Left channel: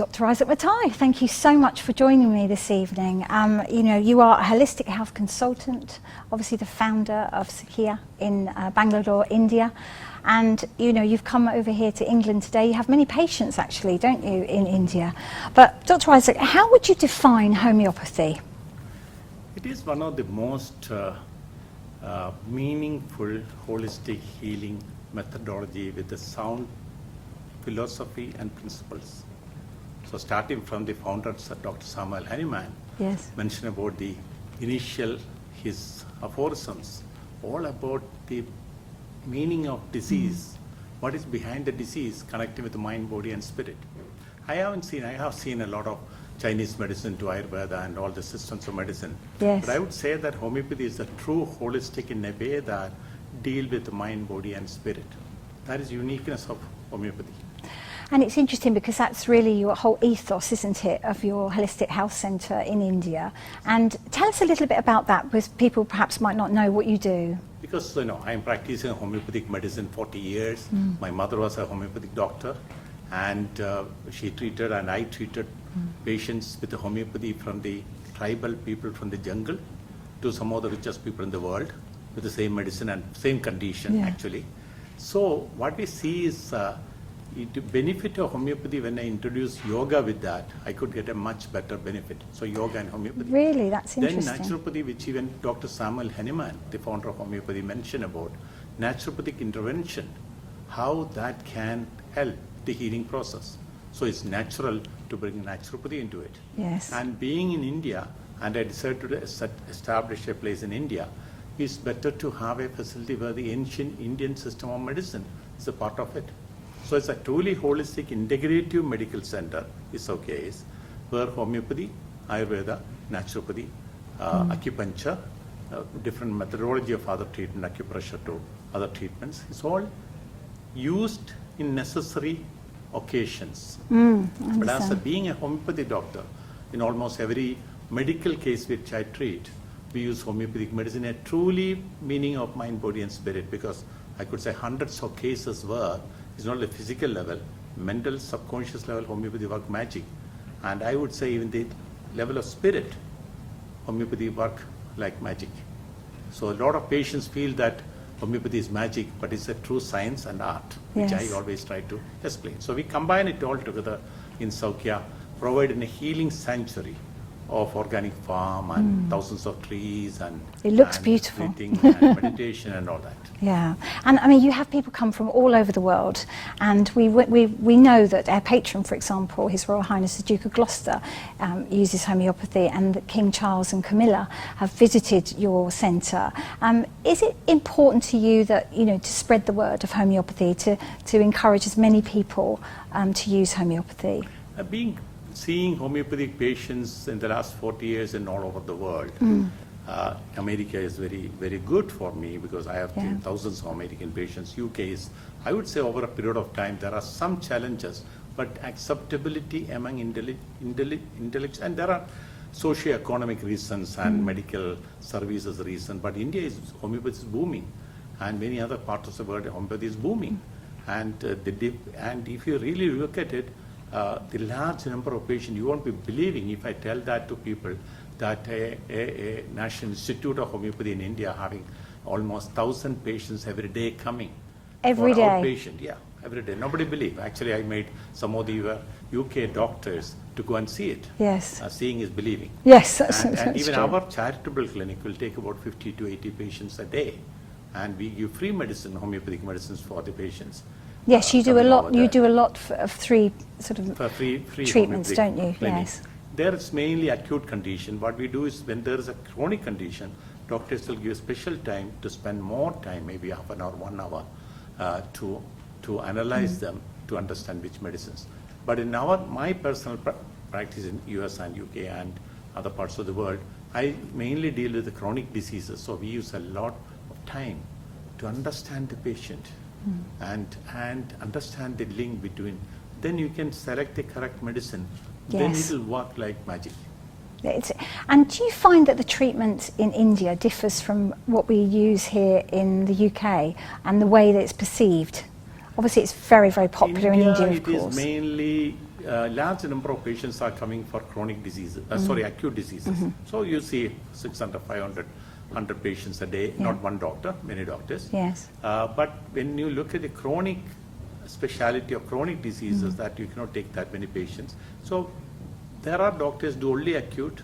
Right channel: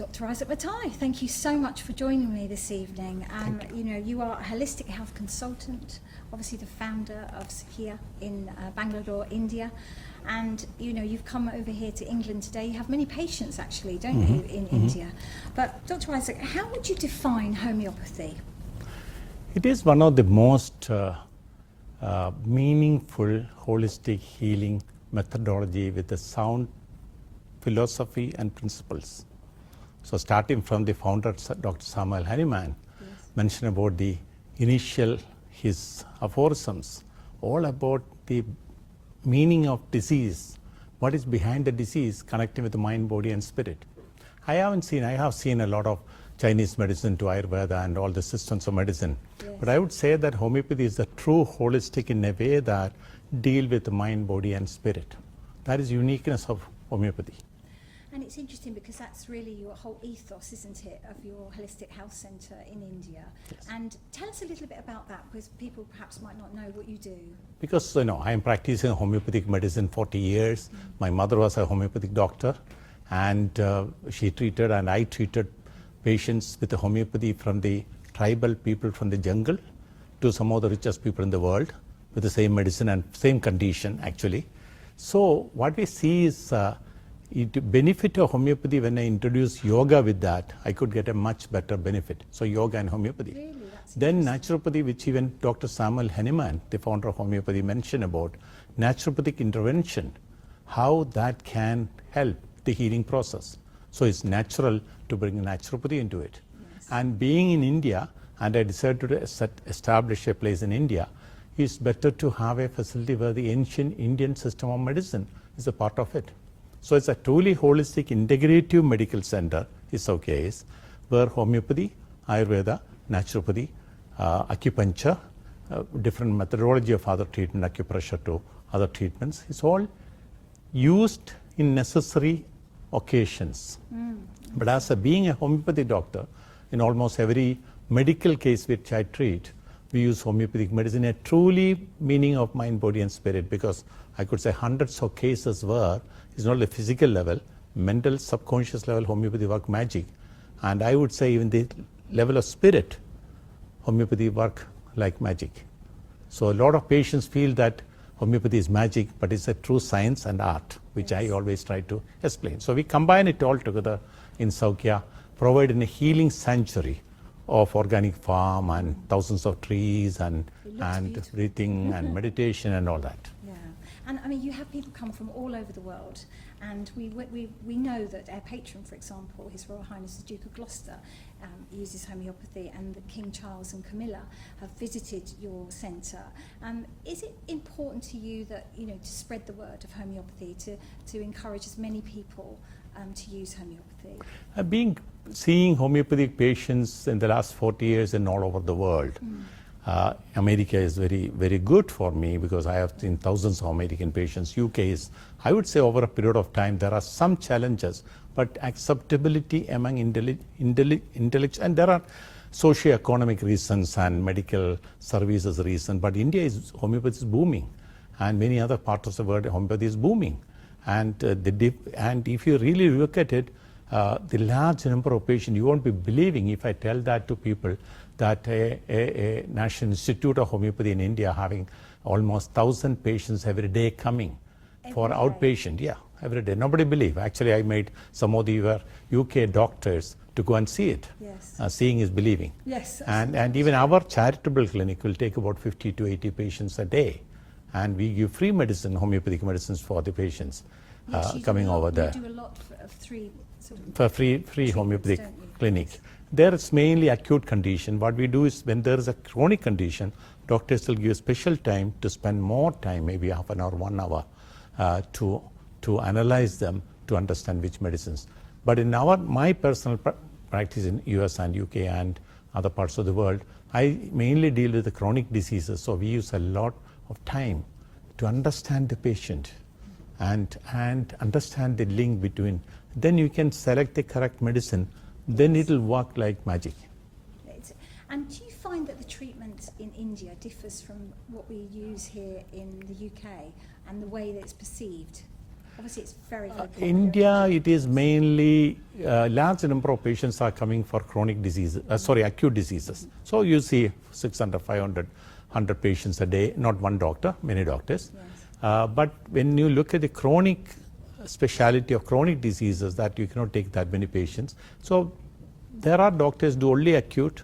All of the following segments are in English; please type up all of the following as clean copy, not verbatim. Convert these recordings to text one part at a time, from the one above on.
Dr. Issac Mathai, thank you so much for joining me this evening. You know, you are a holistic health consultant, obviously the founder of Soukya in Bangalore, India. And you know, you've come over here to England today. You have many patients actually, don't you, in India? But Dr. Issac, how would you define homeopathy? It is one of the most meaningful holistic healing methodology with a sound philosophy and principles. So starting from the founder, Dr. Samuel Hahnemann, mentioned about the initial, his aphorisms, all about the meaning of disease, what is behind the disease, connecting with the mind, body and spirit. I have seen a lot of Chinese medicine to Ayurveda and all the systems of medicine. But I would say that homeopathy is a true holistic in a way that deal with the mind, body and spirit. That is uniqueness of homeopathy. And it's interesting because that's really your whole ethos, isn't it, of your holistic health centre in India. And tell us a little bit about that, because people perhaps might not know what you do. Because, you know, I'm practicing homeopathic medicine 40 years. My mother was a homeopathic doctor, and she treated and I treated patients with the homeopathy from the tribal people from the jungle to some of the richest people in the world with the same medicine and same condition actually. So what we see is the benefit of homeopathy. When I introduce yoga with that, I could get a much better benefit. So yoga and homeopathy. Really, that's interesting. Then naturopathy, which even Dr. Samuel Hahnemann, the founder of homeopathy, mentioned about naturopathic intervention, how that can help the healing process. So it's natural to bring naturopathy into it. And being in India, and I decided to establish a place in India, it's better to have a facility where the ancient Indian system of medicine is a part of it. So it's a truly holistic integrative medical center, Soukya, where homeopathy, Ayurveda, naturopathy, acupuncture, different methodology of other treatment, acupressure to other treatments, it's all used in necessary occasions. But as being a homeopathy doctor, in almost every medical case which I treat, we use homeopathic medicine, a truly meaning of mind, body and spirit, because I could say hundreds of cases where it's not a physical level, mental, subconscious level, homeopathy work magic. And I would say even the level of spirit, homeopathy work like magic. So a lot of patients feel that homeopathy is magic, but it's a true science and art, which I always try to explain. So we combine it all together in Soukya, providing a healing sanctuary of organic farm and thousands of trees and it looks beautiful. Breathing and meditation and all that. Yeah, and I mean, you have people come from all over the world, and we know that our patron, for example, His Royal Highness the Duke of Gloucester, uses homeopathy, and that King Charles and Camilla have visited your centre. Is it important to you that, you know, to spread the word of homeopathy, to encourage as many people to use homeopathy? Seeing homeopathic patients in the last 40 years and all over the world, America is very, very good for me because I have seen thousands of American patients. UK is, I would say, over a period of time, there are some challenges, but acceptability among intellectuals, and there are socio-economic reasons and medical services reasons, but homeopathy is booming, and many other parts of the world, homeopathy is booming. And if you really look at it, the large number of patients, you won't be believing if I tell that to people, that a National Institute of Homeopathy in India having almost 1,000 patients every day coming. Every day? Outpatient, every day. Nobody believe. Actually, I made some of the UK doctors to go and see it. Seeing is believing. And even true. Our charitable clinic will take about 50 to 80 patients a day. And we give free medicine, homeopathic medicines for the patients. Yes, you do a lot. You do a lot of free free treatments, don't you? Clinic. There it's mainly acute condition. What we do is when there is a chronic condition, doctors will give special time to spend more time, maybe half an hour, 1 hour, to analyze them to understand which medicines. But in my personal practice in US and UK and other parts of the world, I mainly deal with the chronic diseases. So we use a lot of time to understand the patient. And understand the link between, then you can select the correct medicine, then it will work like magic. And do you find that the treatment in India differs from what we use here in the UK and the way that it's perceived? Obviously it's very, very popular in India, it is mainly large number of patients are coming for chronic diseases, acute diseases. So you see 600, 500, 100 patients a day, not one doctor, many doctors. Yes. But when you look at the chronic speciality of chronic diseases, that you cannot take that many patients. So there are doctors do only acute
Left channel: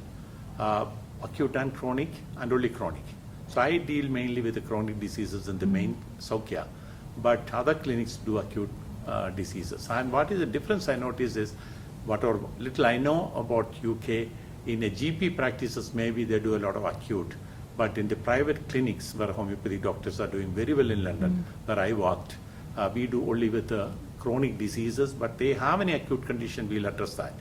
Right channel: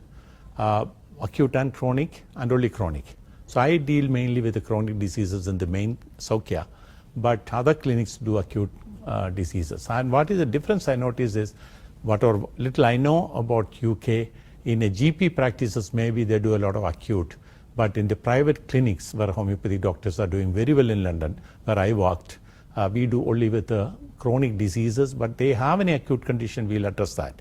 and chronic, and only chronic. So I deal mainly with the chronic diseases in the main Soukya, but other clinics do acute diseases. And what is the difference I notice is, whatever little I know about UK, in a GP practices maybe they do a lot of acute, but in the private clinics where homeopathy doctors are doing very well in London, where I worked, we do only with the chronic diseases, but they have any acute condition, we'll address that.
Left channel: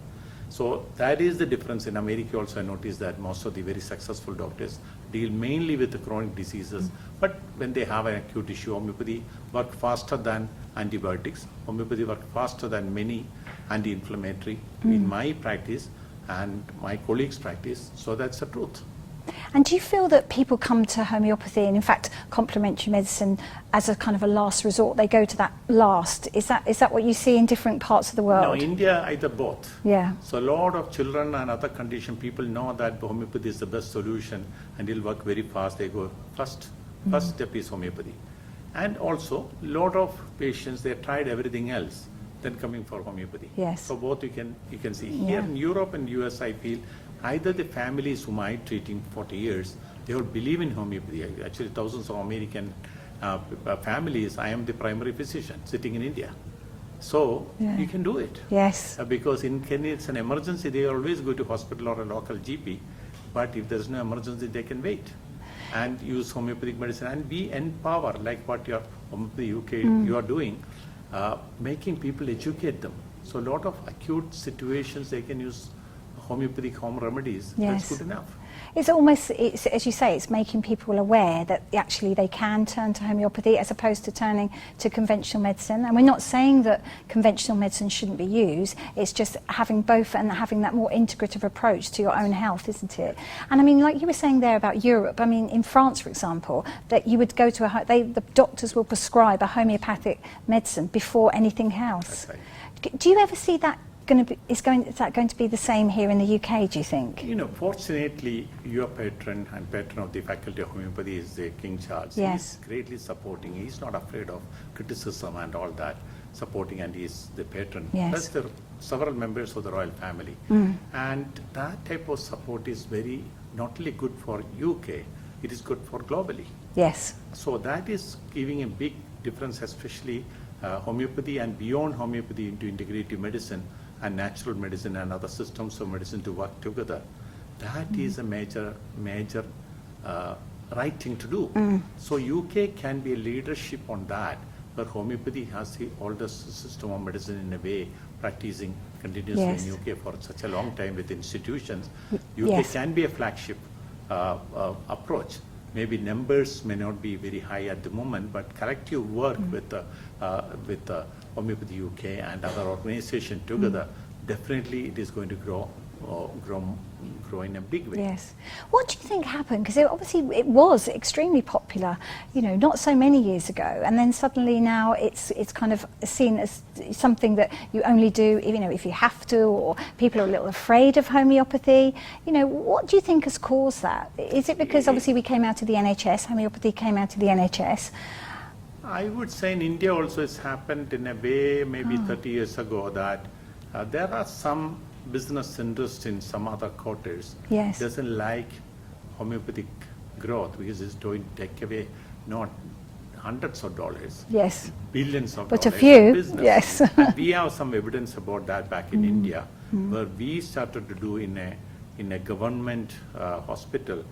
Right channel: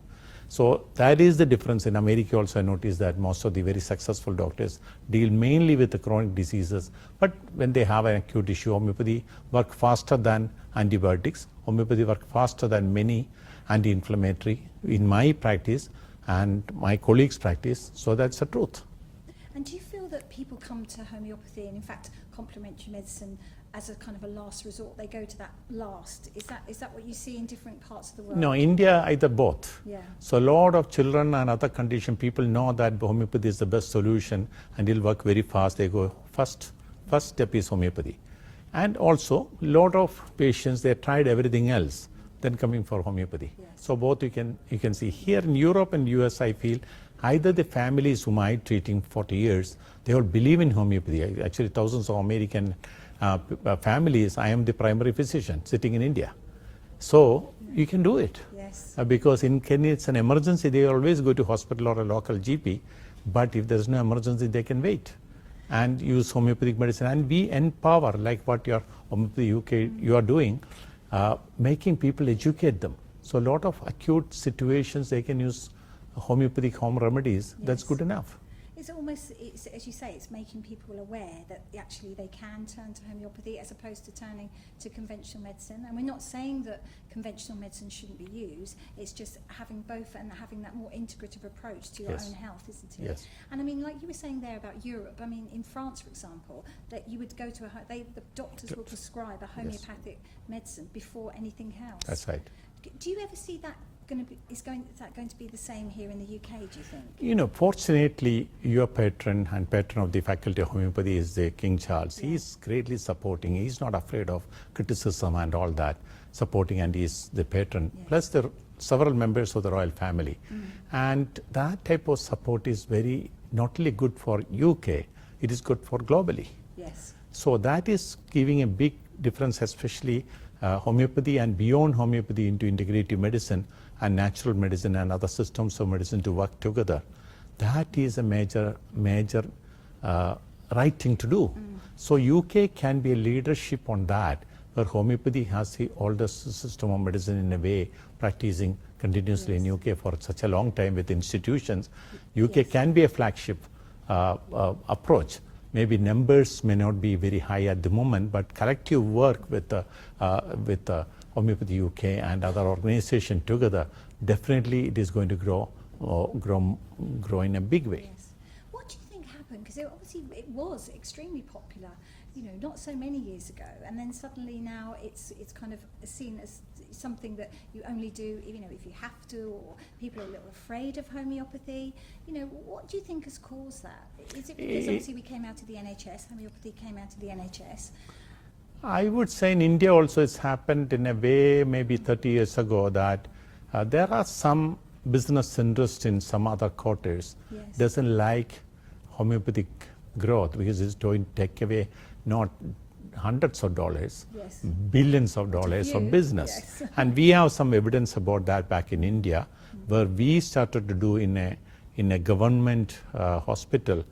So that is the difference. In America also I noticed that most of the very successful doctors deal mainly with the chronic diseases, but when they have an acute issue, homeopathy work faster than antibiotics. Homeopathy work faster than many anti-inflammatory in my practice and my colleagues' practice, so that's the truth. And do you feel that people come to homeopathy and in fact complementary medicine as a kind of a last resort? They go to that last. Is that what you see in different parts of the world? No, India either both. Yeah. So a lot of children and other condition people know that homeopathy is the best solution and it'll work very fast. They go first step is homeopathy. And also a lot of patients, they tried everything else, then coming for homeopathy. Yes. So both you can see. Here in Europe and US, I feel either the families whom I treating 40 years, they all believe in homeopathy. Actually, thousands of American families, I am the primary physician sitting in India. So you can do it. Yes. Because in Kenya, it's an emergency, they always go to hospital or a local GP. But if there's no emergency, they can wait and use homeopathic medicine. And we empower, like what your Homeopathy UK you are doing, making people educate them. So a lot of acute situations, they can use homeopathic home remedies. Yes. That's good enough. It's almost, as you say, it's making people aware that actually they can turn to homeopathy as opposed to turning to conventional medicine. And we're not saying that conventional medicine shouldn't be used, it's just having both and having that more integrative approach to your own health, isn't it? And I mean, like you were saying there about Europe, I mean, in France, for example, that you would go to the doctors will prescribe a homeopathic medicine before anything else. That's right. Do you ever see that is that going to be the same here in the UK, do you think? You know, fortunately, your patron and patron of the Faculty of Homeopathy is the King Charles. Yes. He's greatly supporting. He's not afraid of criticism and all that, supporting, and he's the patron. Yes. Plus, there are several members of the royal family. And that type of support is very, not only good for UK, it is good for globally. Yes. So that is giving a big difference, especially homeopathy and beyond homeopathy into integrative medicine and natural medicine and other systems of medicine to work together. That is a major right thing to do. So UK can be a leadership on that, where homeopathy has the oldest system of medicine in a way, practicing continuously Yes. in UK for such a long time with institutions. UK Yes. can be a flagship approach. Maybe numbers may not be very high at the moment, but collective work with Homeopathy UK and other organizations together, definitely it is going to grow in a big way. Yes. What do you think happened? Because obviously it was extremely popular, you know, not so many years ago, and then suddenly now it's kind of seen as something that you only do, you know, if you have to, or people are a little afraid of homeopathy. You know, what do you think has caused that? Is it because obviously we came out of the NHS, homeopathy came out of the NHS? I would say in India also it's happened in a way maybe 30 years ago that there are some business interest in some other quarters. Yes. Doesn't like homeopathic growth because it's going to take away not hundreds of dollars, Yes. billions of But a dollars few, of business. yes. And we have some evidence about that back in India, where we started to do in a government hospital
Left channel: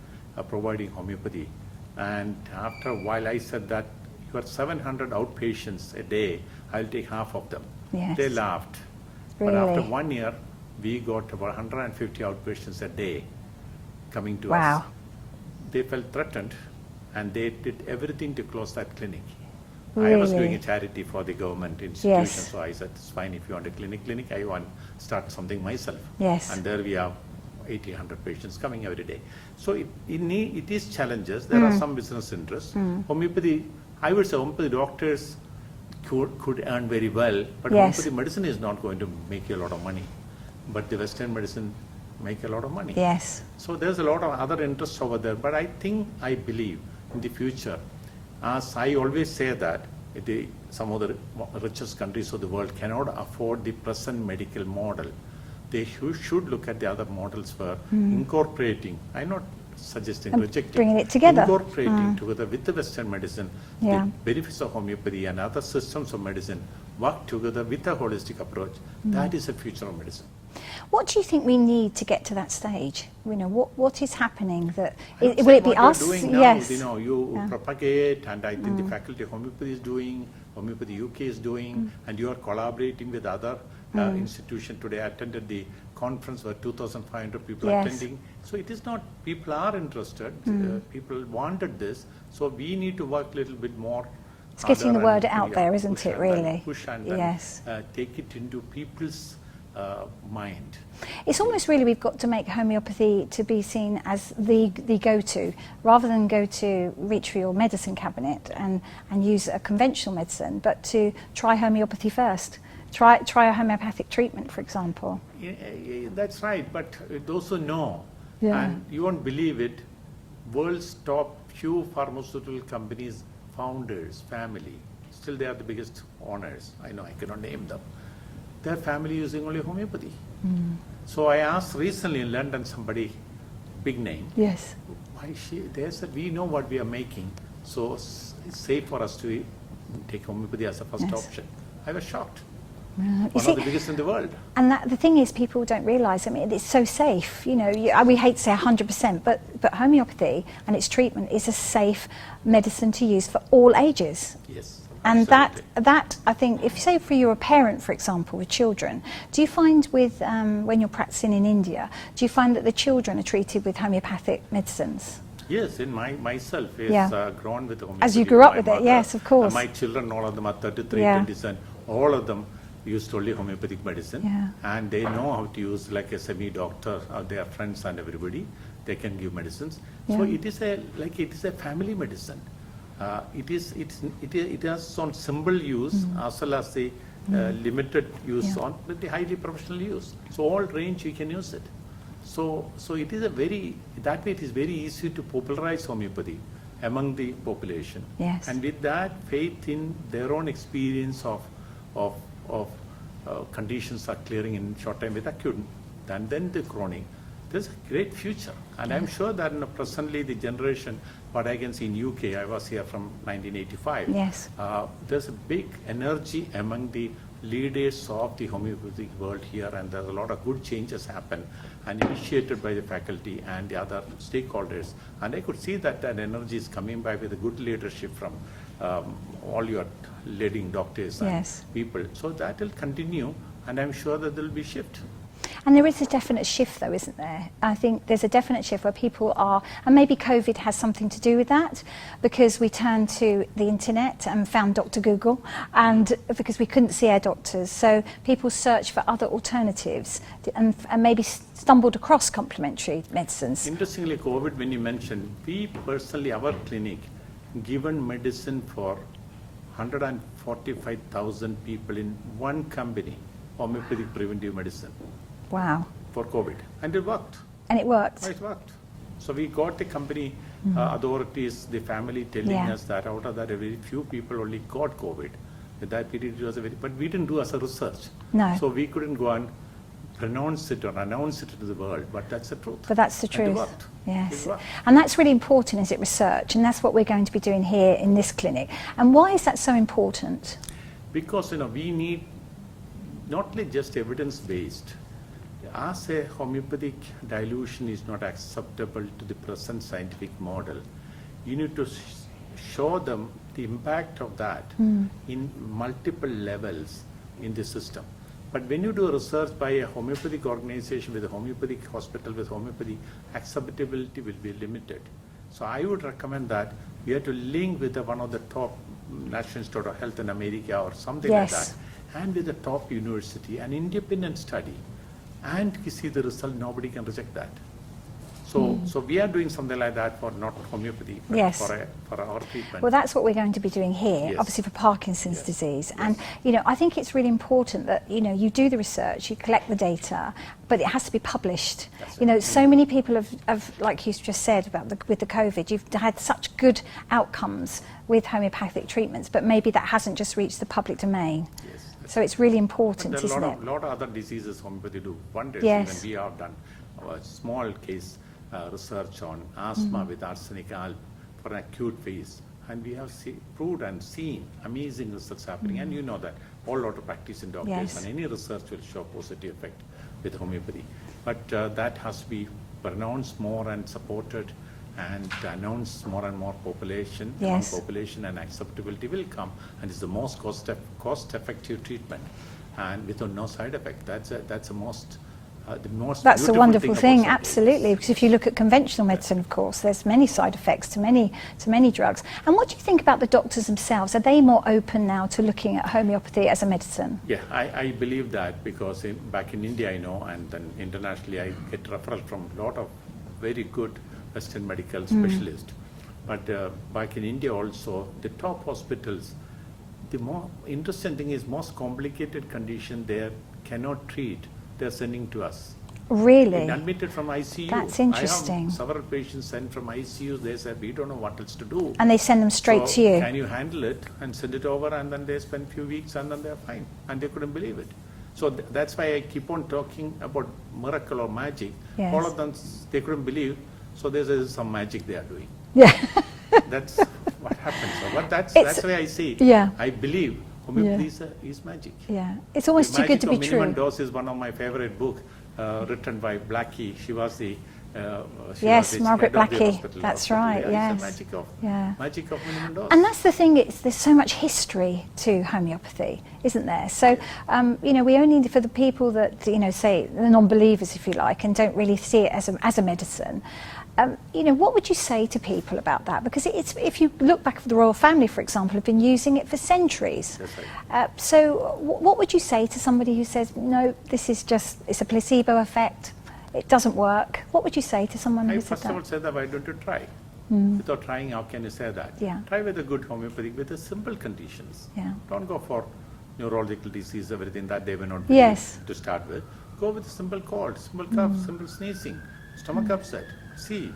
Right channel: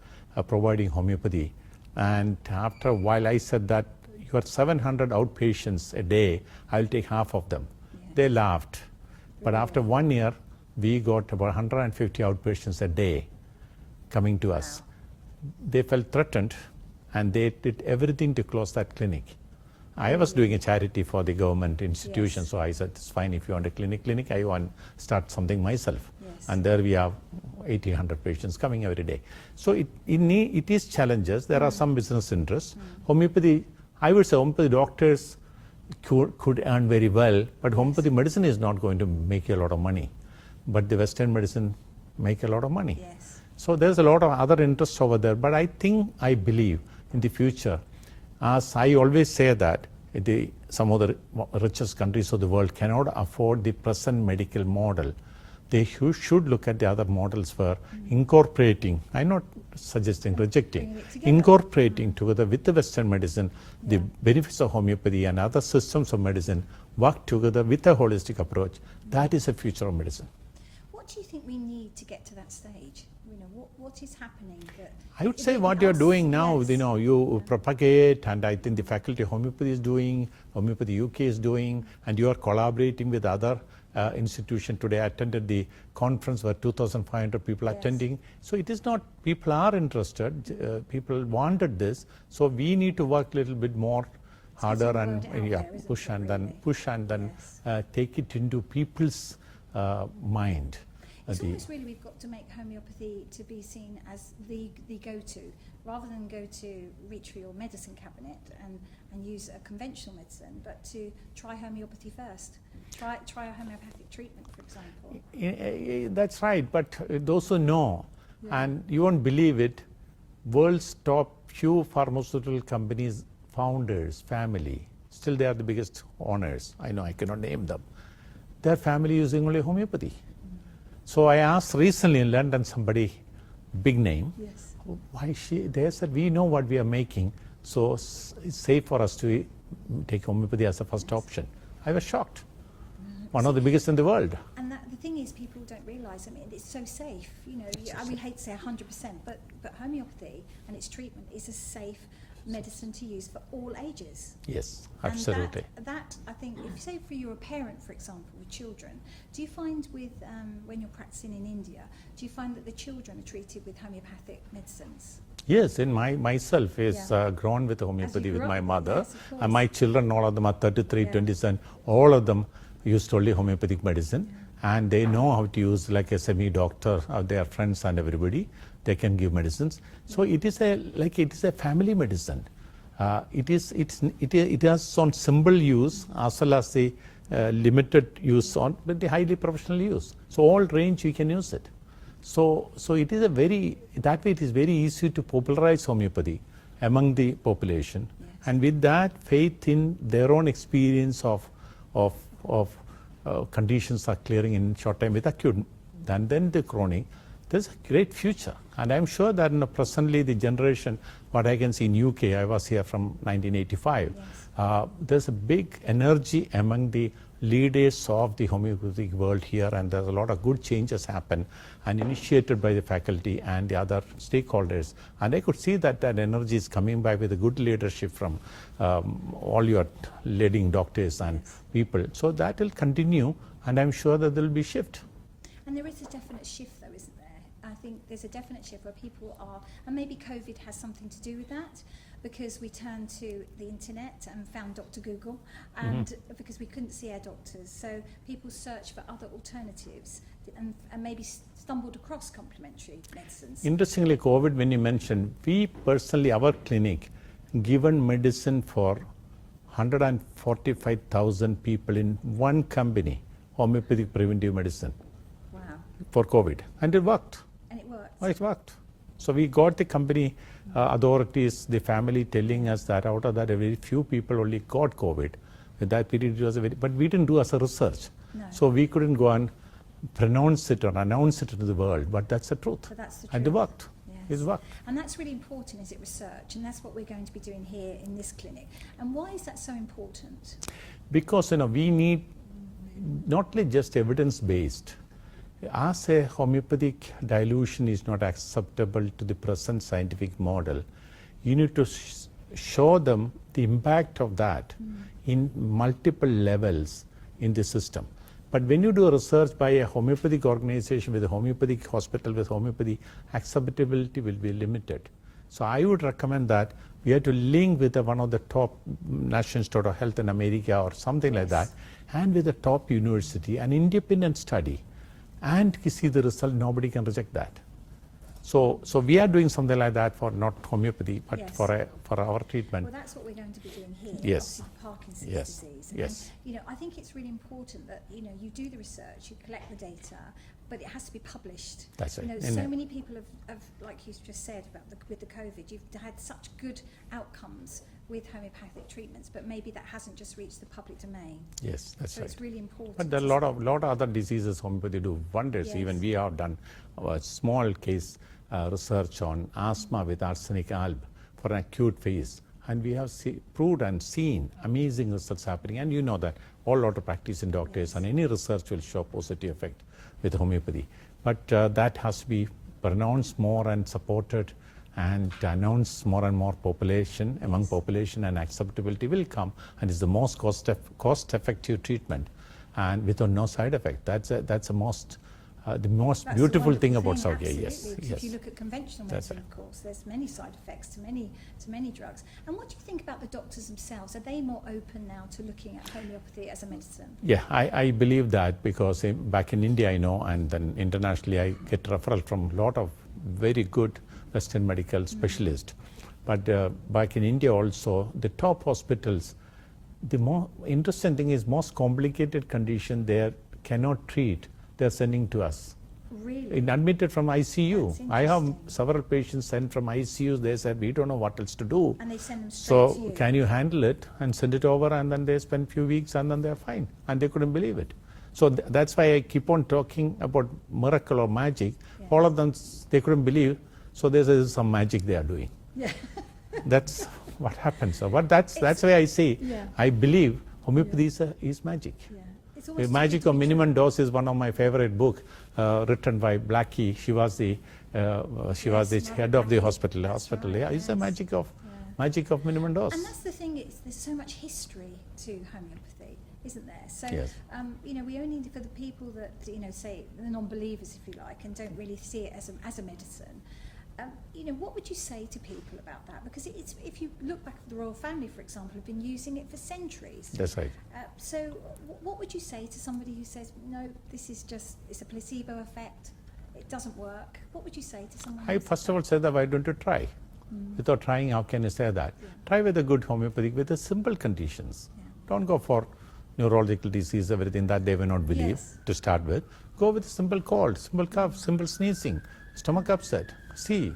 providing homeopathy. And after a while I said that you have 700 outpatients a day, I'll take half of them. Yes. They laughed. But after Really? 1 year, we got about 150 outpatients a day coming to us. Wow. They felt threatened and they did everything to close that clinic. I was Really? doing a charity for the government institution, Yes. so I said, it's fine if you want a clinic, I want to start something myself. Yes. And there we have 100 patients coming every day. So it is challenges. There are some business interests. Homeopathy, I would say homeopathy doctors could earn very well, but Yes. homeopathy medicine is not going to make you a lot of money. But the Western medicine make a lot of money. Yes. So there's a lot of other interests over there. But I believe in the future, as I always say that some of the richest countries of the world cannot afford the present medical model. They should look at the other models for incorporating, I'm not suggesting, rejecting, bringing it together. incorporating together with the Western medicine, Yeah. the benefits of homeopathy and other systems of medicine, work together with a holistic approach. That is the future of medicine. What do you think we need to get to that stage? You know, what is happening that I would will say it be what you're us? doing now, Yes. you propagate, and I think the Faculty of Homeopathy is doing, Homeopathy UK is doing, and you are collaborating with other institutions. Today I attended the conference where 2,500 people Yes. attending. So it is not, people are interested, people wanted this, so we need to work a little bit more. It's getting the harder word and, out there, isn't push it, and really? then push and then, Yes. take it into people's mind. It's almost really we've got to make homeopathy to be seen as the go-to, rather than go to reach for your medicine cabinet and use a conventional medicine, but to try homeopathy first. Try a homeopathic treatment, for example. Yeah, that's right, but those who know, Yeah. and you won't believe it, world's top few pharmaceutical companies, founders, family, still they are the biggest owners. I know I cannot name them. Their family using only homeopathy. So I asked recently in London somebody, big name, Yes. they said, we know what we are making, so it's safe for us to take homeopathy as a first Yes. option. I was shocked. You One see, of the biggest in the world. and the thing is, people don't realise. I mean, it's so safe. You know, we hate to say 100%, but homeopathy and its treatment is a safe medicine to use for all ages. Yes. And absolutely. that I think, if say for you're a parent, for example, with children, do you find with when you're practicing in India, do you find that the children are treated with homeopathic medicines? Yes, in myself is Yeah. Grown with homeopathy. As you grew up my with it, mother. yes, of course. And my children, all of them are 33, Yeah. 27, all of them used only homeopathic medicine. Yeah. And they know how to use, like a semi-doctor, their friends and everybody, they can give medicines. So Yeah. it is a family medicine. It has on simple use as well as the limited use on the highly professional use. So all range you can use it. So it is that way it is very easy to popularize homeopathy among the population. Yes. And with that, faith in their own experience of conditions are clearing in short time with acute, and then the chronic, there's a great future. And I'm sure that presently the generation, what I can see in UK, I was here from 1985. Yes. There's a big energy among the leaders of the homeopathic world here, and there's a lot of good changes happen and initiated by the faculty and the other stakeholders. And I could see that energy is coming by with a good leadership from all your leading doctors and Yes. people. So that will continue, and I'm sure that there will be shift. And there is a definite shift, though, isn't there? I think there's a definite shift where people are, and maybe COVID has something to do with that, because we turned to the internet and found Dr. Google, and because we couldn't see our doctors. So people searched for other alternatives and maybe stumbled across complementary medicines. Interestingly, COVID, when you mentioned, we personally, our clinic, given medicine for 145,000 people in one company, homeopathic preventive medicine. Wow. For COVID, and it worked. And it worked. It worked. So we got the company authorities, the family telling us that out of that, a very few people only got COVID. In that period, it was but we didn't do as a research. No. So we couldn't go and pronounce it or announce it to the world, but that's the truth. But that's the truth. And it worked. Yes. It worked. And that's really important, is it, research? And that's what we're going to be doing here in this clinic. And why is that so important? Because we need not only just evidence-based. As a homeopathic dilution is not acceptable to the present scientific model, you need to show them the impact of that in multiple levels in the system. But when you do research by a homeopathic organization with a homeopathic hospital with homeopathy, acceptability will be limited. So I would recommend that we have to link with one of the top National Institute of Health in America or something like that, and with a top university, an independent study, and you see the result. Nobody can reject that. So we are doing something like that for not homeopathy, but Yes. for our treatment. Well, that's what we're going to be doing here, Yes. obviously for Parkinson's Yes. disease. Yes. And, you know, I think it's really important that, you know, you do the research, you collect the data, but it has to be published. That's You know, it. so many people have, like you just said about with the COVID, you've had such good outcomes with homeopathic treatments, but maybe that hasn't just reached the public domain. Yes. that's So it's really important, But there isn't are it? a lot of other diseases homeopathy do wonders. Yes. Even we have done a small case research on asthma with arsenic alb for an acute phase, and we have proved and seen amazing results happening. And you know that all lot of practicing doctors Yes. and any research will show positive effect with homeopathy. But that has to be pronounced more and supported and announced more and more population, among Yes. population, and acceptability will come, and it's the most cost-effective treatment, and without no side effect. That's the most That's the beautiful wonderful thing thing, about Soukya, absolutely. yes. Because if you look at conventional medicine, of course, there's many side effects to many drugs. And what do you think about the doctors themselves? Are they more open now to looking at homeopathy as a medicine? Yeah, I believe that, because back in India I know, and then internationally I get referral from a lot of very good Western medical specialists. But back in India also, the top hospitals, the more interesting thing is most complicated condition they cannot treat, they're sending to us. Really? And admitted from ICU. That's I interesting. have several patients sent from ICU. They said, we don't know what else to do. And they send them straight So to you? can you handle it and send it over, and then they spend few weeks and then they're fine. And they couldn't believe it. So that's why I keep on talking about miracle or magic. Yes. All of them, they couldn't believe. So there's some magic they are doing. Yeah. That's what happens. So, but that's It's- why I say, Yeah. I believe homeopathy is magic. Yeah. It's almost The too good Magic to of be Minimum true. Dose is one of my favorite book, written by Blackie. She was the Yes, head Margaret of the Blackie. hospital. That's hospital. right, Yeah, yes. It's the Yeah. magic of minimum dose. And that's the thing, there's so much history to homeopathy, isn't there? So, you know, we only, for the people that, you know, say the non-believers, if you like, and don't really see it as a medicine, you know, what would you say to people about that? Because it's, if you look back at the royal family, for example, have been using it for centuries. That's right. So what would you say to somebody who says, no, this is just, it's a placebo effect, it doesn't work? What would you say to someone I who said first of all that? said that, why don't you try? Without trying, how can you say that? Yeah. Try with a good homeopathic, with the simple conditions. Yeah. Don't go for neurological disease, everything that they will not believe Yes. to start with. Go with simple cold, simple cough, simple sneezing, stomach upset. See.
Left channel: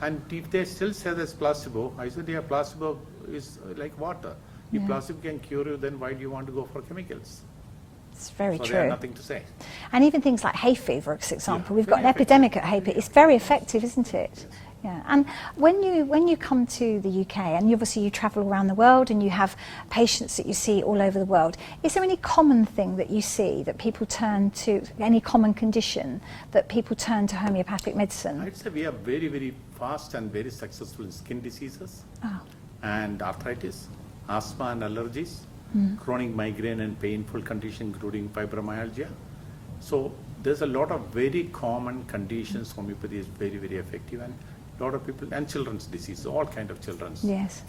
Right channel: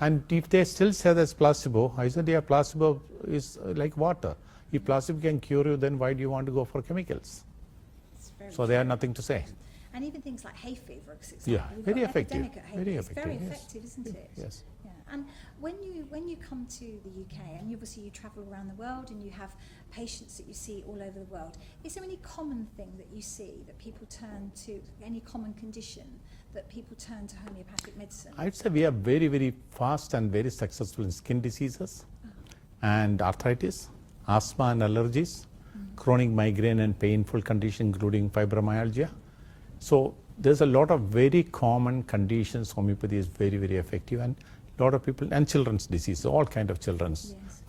And if they still say that's placebo, I said, yeah, placebo is like water. If placebo can cure you, then why do you want to go for chemicals? It's very So true. they have nothing to say. And even things like hay fever, for example, Yeah, we've got very an effective. epidemic at hay fever. It's very effective, isn't it? Yes. Yeah. And when you come to the UK, and obviously you travel around the world, and you have patients that you see all over the world, is there any common thing that you see that people turn to, any common condition that people turn to homeopathic medicine? I'd say we are very, very fast and very successful in skin diseases and arthritis, asthma and allergies, chronic migraine and painful condition, including fibromyalgia. So there's a lot of very common conditions. Homeopathy is very, very effective, and a lot of people, and children's disease, all kind of children's Yes.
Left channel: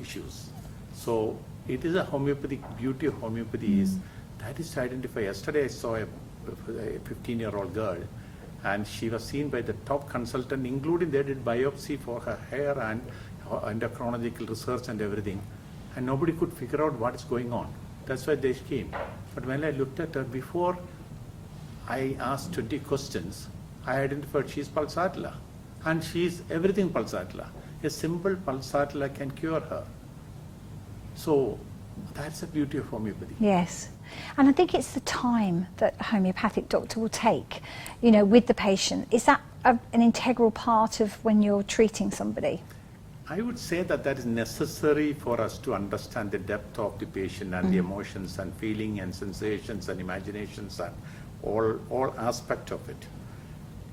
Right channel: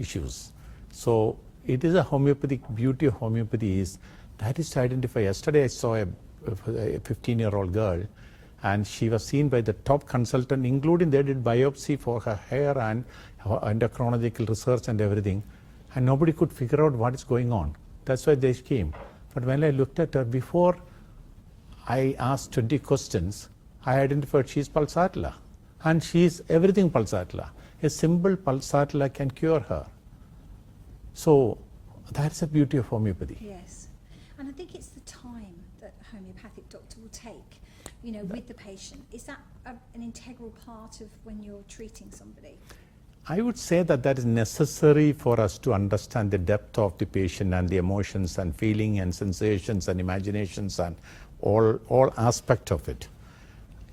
issues. So it is a homeopathic, beauty of homeopathy is that is to identify. Yesterday I saw a 15-year-old girl, and she was seen by the top consultant, including they did biopsy for her hair and endocrinological research and everything, and nobody could figure out what is going on. That's why they came. But when I looked at her, before I asked 20 questions, I identified she's pulsatilla, and she's everything pulsatilla. A simple pulsatilla can cure her. So that's the beauty of homeopathy. Yes. And I think it's the time that a homeopathic doctor will take, you know, with the patient. Is that an integral part of when you're treating somebody? I would say that that is necessary for us to understand the depth of the patient and the emotions and feeling and sensations and imaginations and all aspect of it.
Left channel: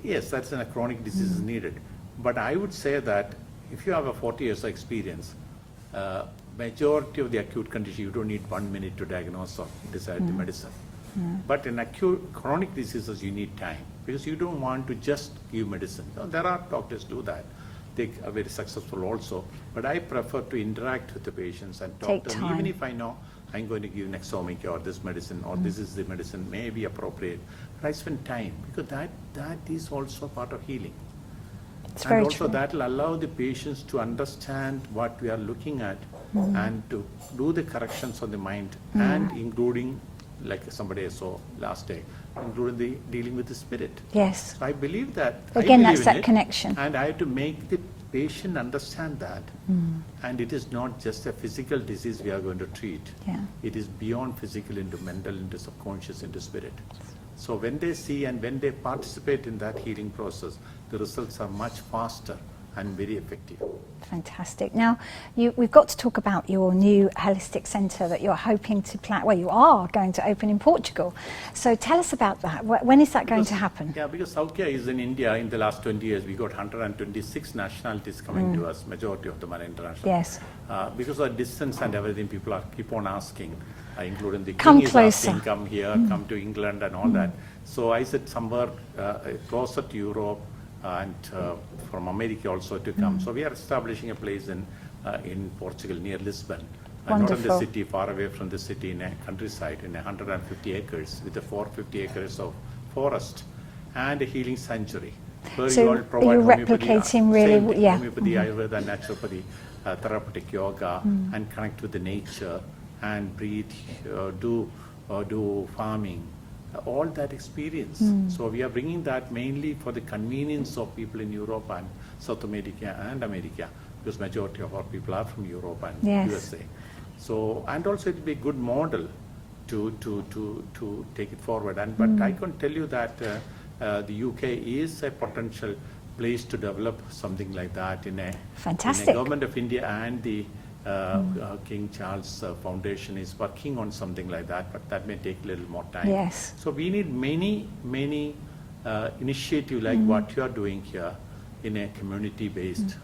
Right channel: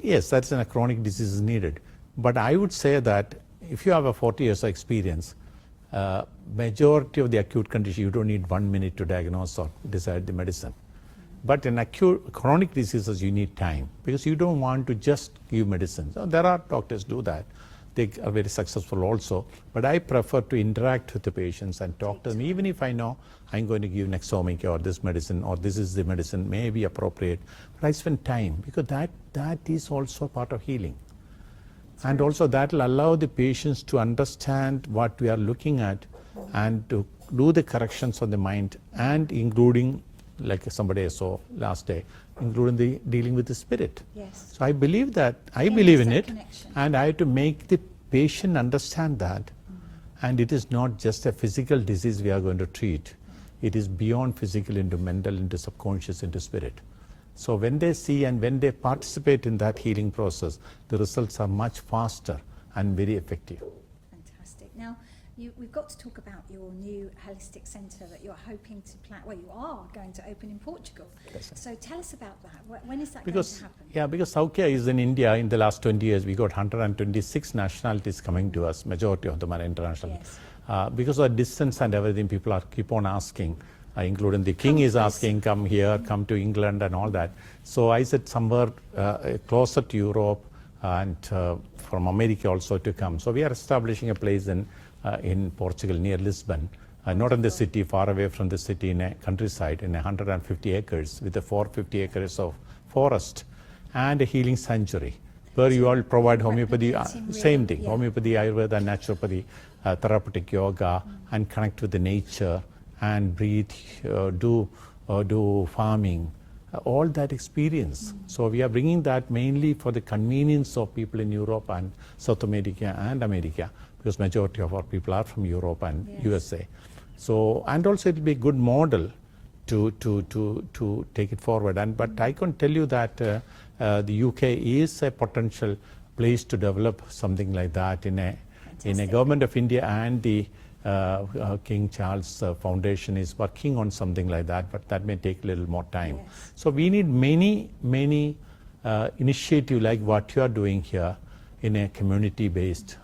Yes, that's a chronic disease is needed. But I would say that if you have a 40 years of experience, majority of the acute condition, you don't need 1 minute to diagnose or decide the medicine. But in acute chronic diseases, you need time, because you don't want to just give medicine. So there are doctors do that. They are very successful also. But I prefer to interact with the patients and talk Take to them, time. even if I know I'm going to give next Soukya or this medicine or this is the medicine, may be appropriate. But I spend time, because that is also part of healing. It's and very also true. that will allow the patients to understand what we are looking at and to do the corrections on the mind and including, like somebody saw last day, including the dealing with the spirit. Yes. So I believe that, Again, I believe that's in that it, connection. and I have to make the patient understand that. And it is not just a physical disease we are going to treat. Yeah. It is beyond physical into mental, into subconscious, into spirit. So when they see and when they participate in that healing process, the results are much faster and very effective. Fantastic. Now, we've got to talk about your new holistic centre that you're hoping to plan. Well, you are going to open in Portugal. So tell us about that. When is that going to happen? Yeah, because Soukya is in India. In the last 20 years, we got 126 nationalities coming to us. Majority of them are international. Yes. Because of distance and everything, people are keep on asking, including the Come king is closer. asking, come here, come to England and all that. So I said somewhere closer to Europe and from America also to come. So we are establishing a place in Portugal near Lisbon, not in the city, far away from the city, in a countryside, in 150 acres with a 450 acres of forest and a healing sanctuary where So you all provide you're homeopathy, replicating really same thing, yeah. homeopathy, Ayurveda, naturopathy, therapeutic yoga, and connect with the nature and breathe, do farming. All that experience. So we are bringing that mainly for the convenience of people in Europe and South America and America, because majority of our people are from Europe and Yes. USA. So, and also it will be a good model to take it forward. And but I can tell you that the UK is a potential place to develop something like that in a Fantastic. government of India, and the King Charles Foundation is working on something like that, but that may take a little more time. Yes. So we need many initiative like what you are doing here in a community-based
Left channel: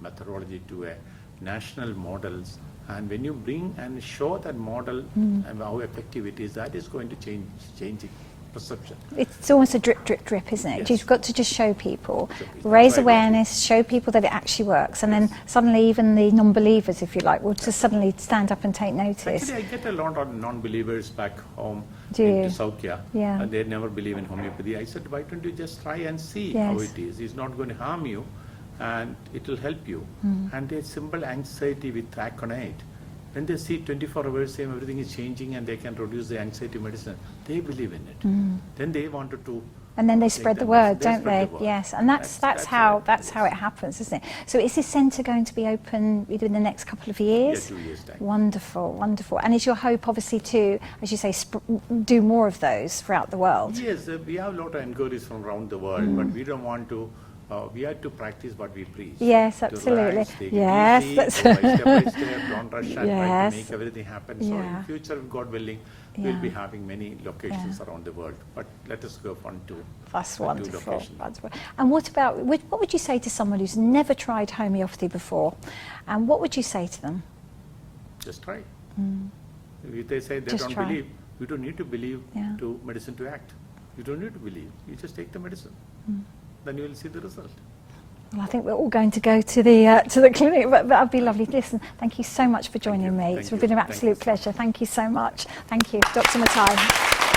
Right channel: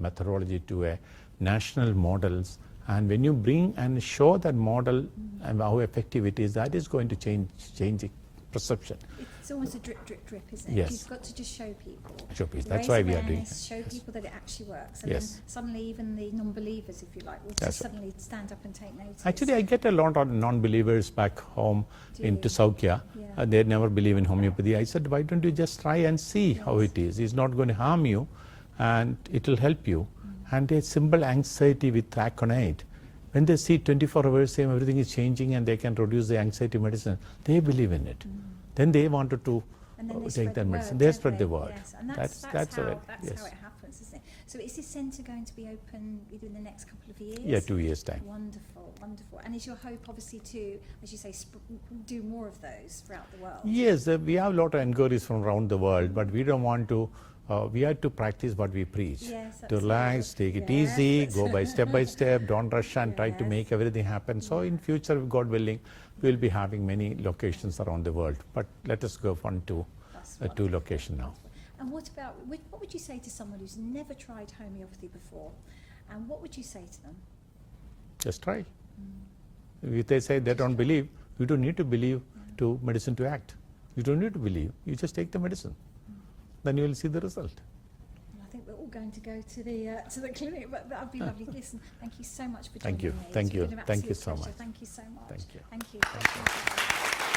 methodology to a national models. And when you bring and show that model and how effective it is, that is going to change perception. It's almost a drip, drip, drip, isn't it? Yes. You've got to just show people, Show people. That's raise why we are awareness, show people that it actually works, and Yes. then suddenly even the non-believers, if you like, will just suddenly stand up and take notice. Actually, I get a lot of non-believers back home Do into you? Soukya. Yeah. They never believe in homeopathy. I said, why don't you just try and see how Yes. it is? It's not going to harm you, and it will help you. And a simple anxiety with aconite. When they see 24 hours, same everything is changing and they can reduce the anxiety medicine, they believe in it. Then they wanted to. And then they take spread the that word, medicine. They don't spread they? the word. Yes, and that's how it happens, isn't it? So is this centre going to be open within the next couple of years? Yeah, 2 years' time. Wonderful, wonderful. And is your hope obviously to, as you say, do more of those throughout the world? Yes, we have a lot of inquiries from around the world, but we don't want to. We have to practice what we preach. Yes, To absolutely. relax, take Yes, it easy, that's- go by step, don't rush and try Yes. to make everything happen. So in Yeah. future, God willing, we'll Yeah. be having many locations around the world. But let us go on to That's two wonderful. locations now. Wonderful. And what would you say to someone who's never tried homeopathy before? And what would you say to them? Just try. If they say they Just don't try. believe, you don't need to believe Yeah. to medicine to act. You don't need to believe. You just take the medicine. Then you will see the result. Well, I think we're all going to go to the clinic, but that'd be lovely. Listen, thank you so much for joining you. me. Thank It's you. been an Thank you absolute so pleasure. much. Thank you so much. Thank you, Dr. Mathai.